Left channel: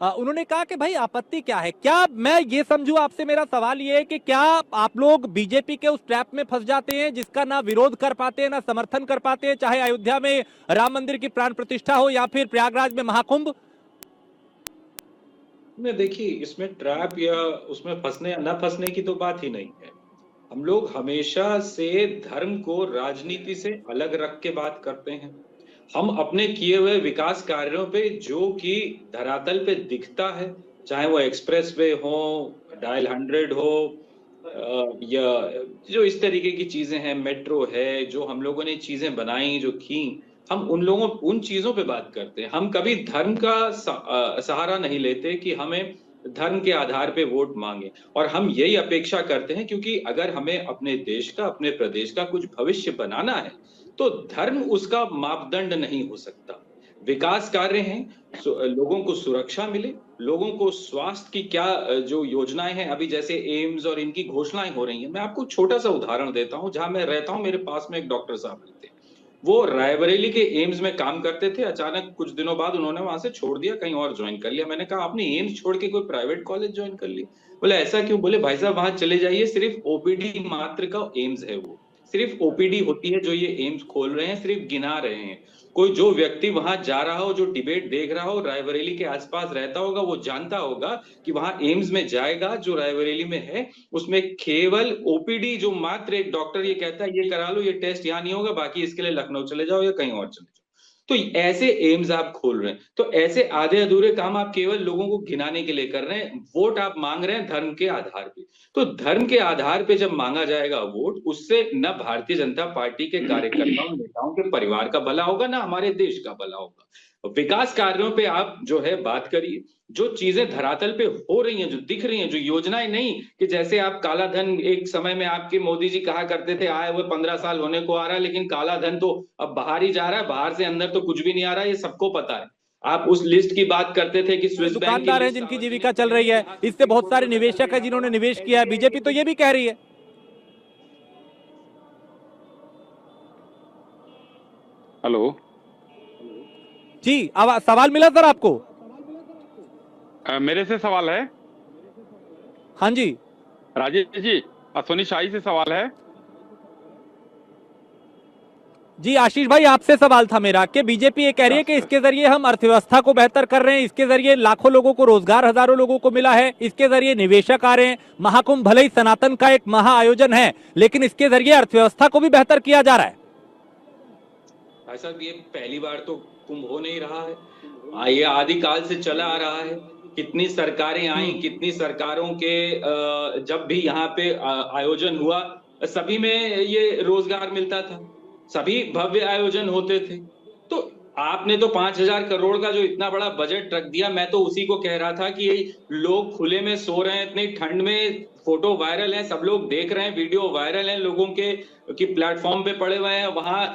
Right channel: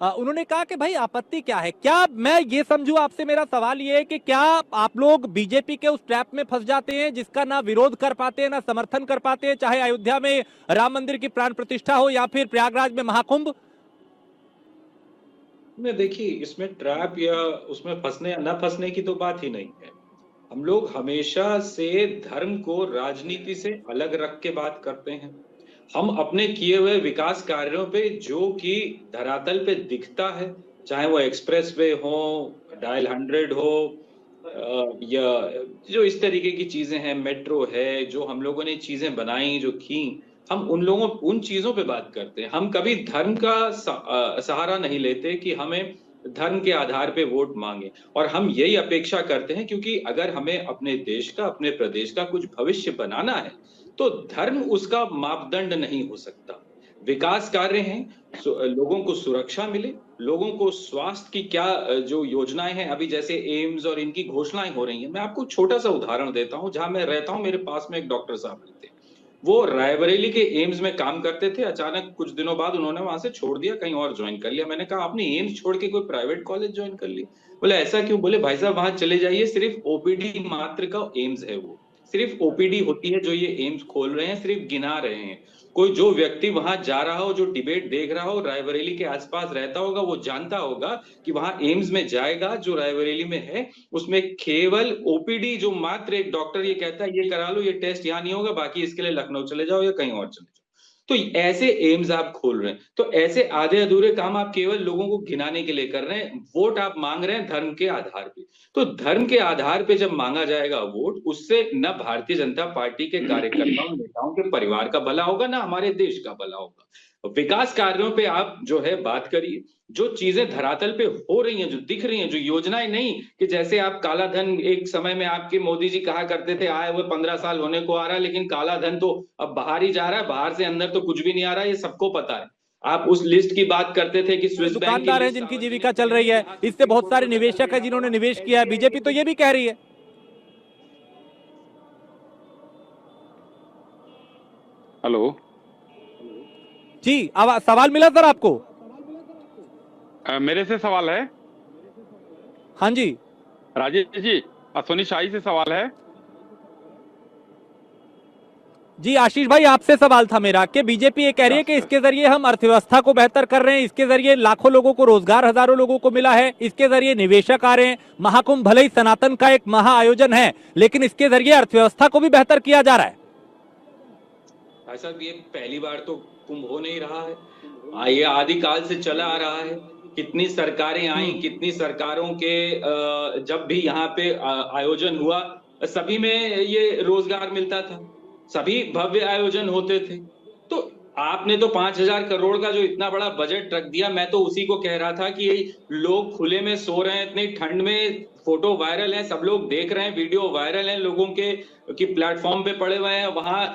उन्होंने कहा कि भाई आपत्ति क्या है, क्या मैं ये समझूं, आपसे मेरा सवाल ये है कि क्या आप लोग बीजेपी के उस ट्रैप में फंस जाते हैं जिसका ना विरोध कर पाते हैं ना समर्थन कर पाते हैं, चाहे अयोध्या में राम मंदिर की प्राण प्रतिष्ठा हो या फिर प्रयागराज में महाकुंभ? नहीं, देखिए इसमें ट्रैप या उसमें फंसने या ना फंसने की तो बात ही नहीं है। हम लोग हमेशा से धर्म को राजनीति से अलग रख के बात करते हैं। हम अपने किए हुए विकास कार्यों पे जो कि धरातल पे दिखता है, चाहे वो एक्सप्रेस वे हो, डायल 100 हो, या जो इस तरीके की चीजें हैं, मेट्रो है, जो हम लोगों ने चीजें बनाई जो की, हम उन चीजों पे बात करते हैं। हम कभी धर्म का सहारा नहीं लेते कि हमें धर्म के आधार पे वोट मांगे। और हम यही अपेक्षा करते हैं, क्योंकि अगर हमें अपने देश का, अपने प्रदेश का कुछ भविष्य बनाना है, तो धर्म उसका मापदंड नहीं हो सकता। विकास कार्य हैं, लोगों को सुरक्षा मिले, लोगों को स्वास्थ्य की क्या जो योजनाएं हैं, अभी जैसे एम्स और इनकी घोषणाएं हो रही हैं। मैं आपको छोटा सा उदाहरण देता हूं, जहां मैं रहता हूं मेरे पास में एक डॉक्टर साहब रहते हैं। वो रायबरेली के एम्स में काम करते थे, अचानक कुछ दिनों बाद उन्होंने वहां से छोड़ दिया, कहीं और ज्वाइन कर लिया। मैंने कहा आपने एम्स छोड़ के कोई प्राइवेट कॉलेज ज्वाइन कर लिया? बोले ऐसा क्यों? बोले भाई साहब वहां चले जाइए, सिर्फ ओपीडी मात्र का एम्स है वो। सिर्फ ओपीडी होती है जो ये एम्स खोल रहे हैं, सिर्फ गिना रहे हैं। कोई जो व्यक्ति वहां जा रहा हो, जो डिबेट देख रहा हो, रायबरेली के आसपास रहता होगा, वो जानता होगा कि वहां एम्स में जाएगा जो रायबरेली में है, उसमें केवल ओपीडी, जो मात्र एक डॉक्टर ये कहता है ये करा लो, ये टेस्ट यहाँ नहीं होगा, बाकी इसके लिए लखनऊ चले जाओ या कहीं और चले जाओ। तो ऐसे एम्स आप खोल रहे हैं, तो ऐसे आधे अधूरे काम आप केवल लोगों को घिनाने के लिए कर रहे हैं। वोट आप मांग रहे हैं धर्म के आधार पे। तो धर्म के आधार पे जब मांगा जाएगा वोट, उससे न भारतीय जनता पार्टी के कार्यकर्ताओं नेताओं के परिवार का भला होगा, ना हमारे देश का भला होगा। विकास कार्यों पे आप जो है बात करिए, जो चीजें धरातल पे हो रही हैं, जो दिख रही हैं, जो योजनाएं, नहीं कि जैसे आप काला धन, एक समय में आपके मोदी जी कहा करते थे आए हुए 15 साल होने को आ रहा है, लेकिन काला धन तो अब बाहर ही जा रहा है, बाहर से अंदर तो कुछ भी नहीं आ रहा है, ये सबको पता है। आप उस लिस्ट की बात करते थे कि स्विस बैंक की दुकानदार हैं लिस्ट जिनकी सार्वजनिक जीविका चल करेंगे, रही है, जहां से इससे बड़ी बहुत छोटी सारे निवेशक है दुकानदारी जिन्होंने है, निवेश किया है, एसबीआई बीजेपी की तो ये लिस्ट। भी कह रही है। हेलो। जी, अब सवाल मिला सर आपको? मेरे से सवाल है? हाँ जी। राजेश जी, अश्वनी शाही से सवाल है। जी आशीष भाई, आपसे सवाल था मेरा कि बीजेपी ये कह रही है कि इसके जरिए हम अर्थव्यवस्था को बेहतर कर रहे हैं, इसके जरिए लाखों लोगों को रोजगार, हजारों लोगों को मिला है, इसके जरिए निवेशक आ रहे हैं, महाकुंभ भले ही सनातन का एक महा आयोजन है, लेकिन इसके जरिए अर्थव्यवस्था को भी बेहतर किया जा रहा है। भाई साहब ये पहली बार तो कुंभ हो नहीं रहा है। ये आदिकाल से चला आ रहा है। कितनी सरकारें आई, कितनी सरकारों के जब भी यहाँ पे आयोजन हुआ, सभी में ये रोजगार मिलता था, सभी भव्य आयोजन होते थे। तो आपने तो 5,000 करोड़ का जो इतना बड़ा बजट रख दिया, मैं तो उसी को कह रहा था कि लोग खुले में सो रहे हैं इतनी ठंड में, फोटो वायरल है, सब लोग देख रहे हैं, वीडियो वायरल है लोगों के कि प्लेटफॉर्म पे पड़े हुए हैं वहां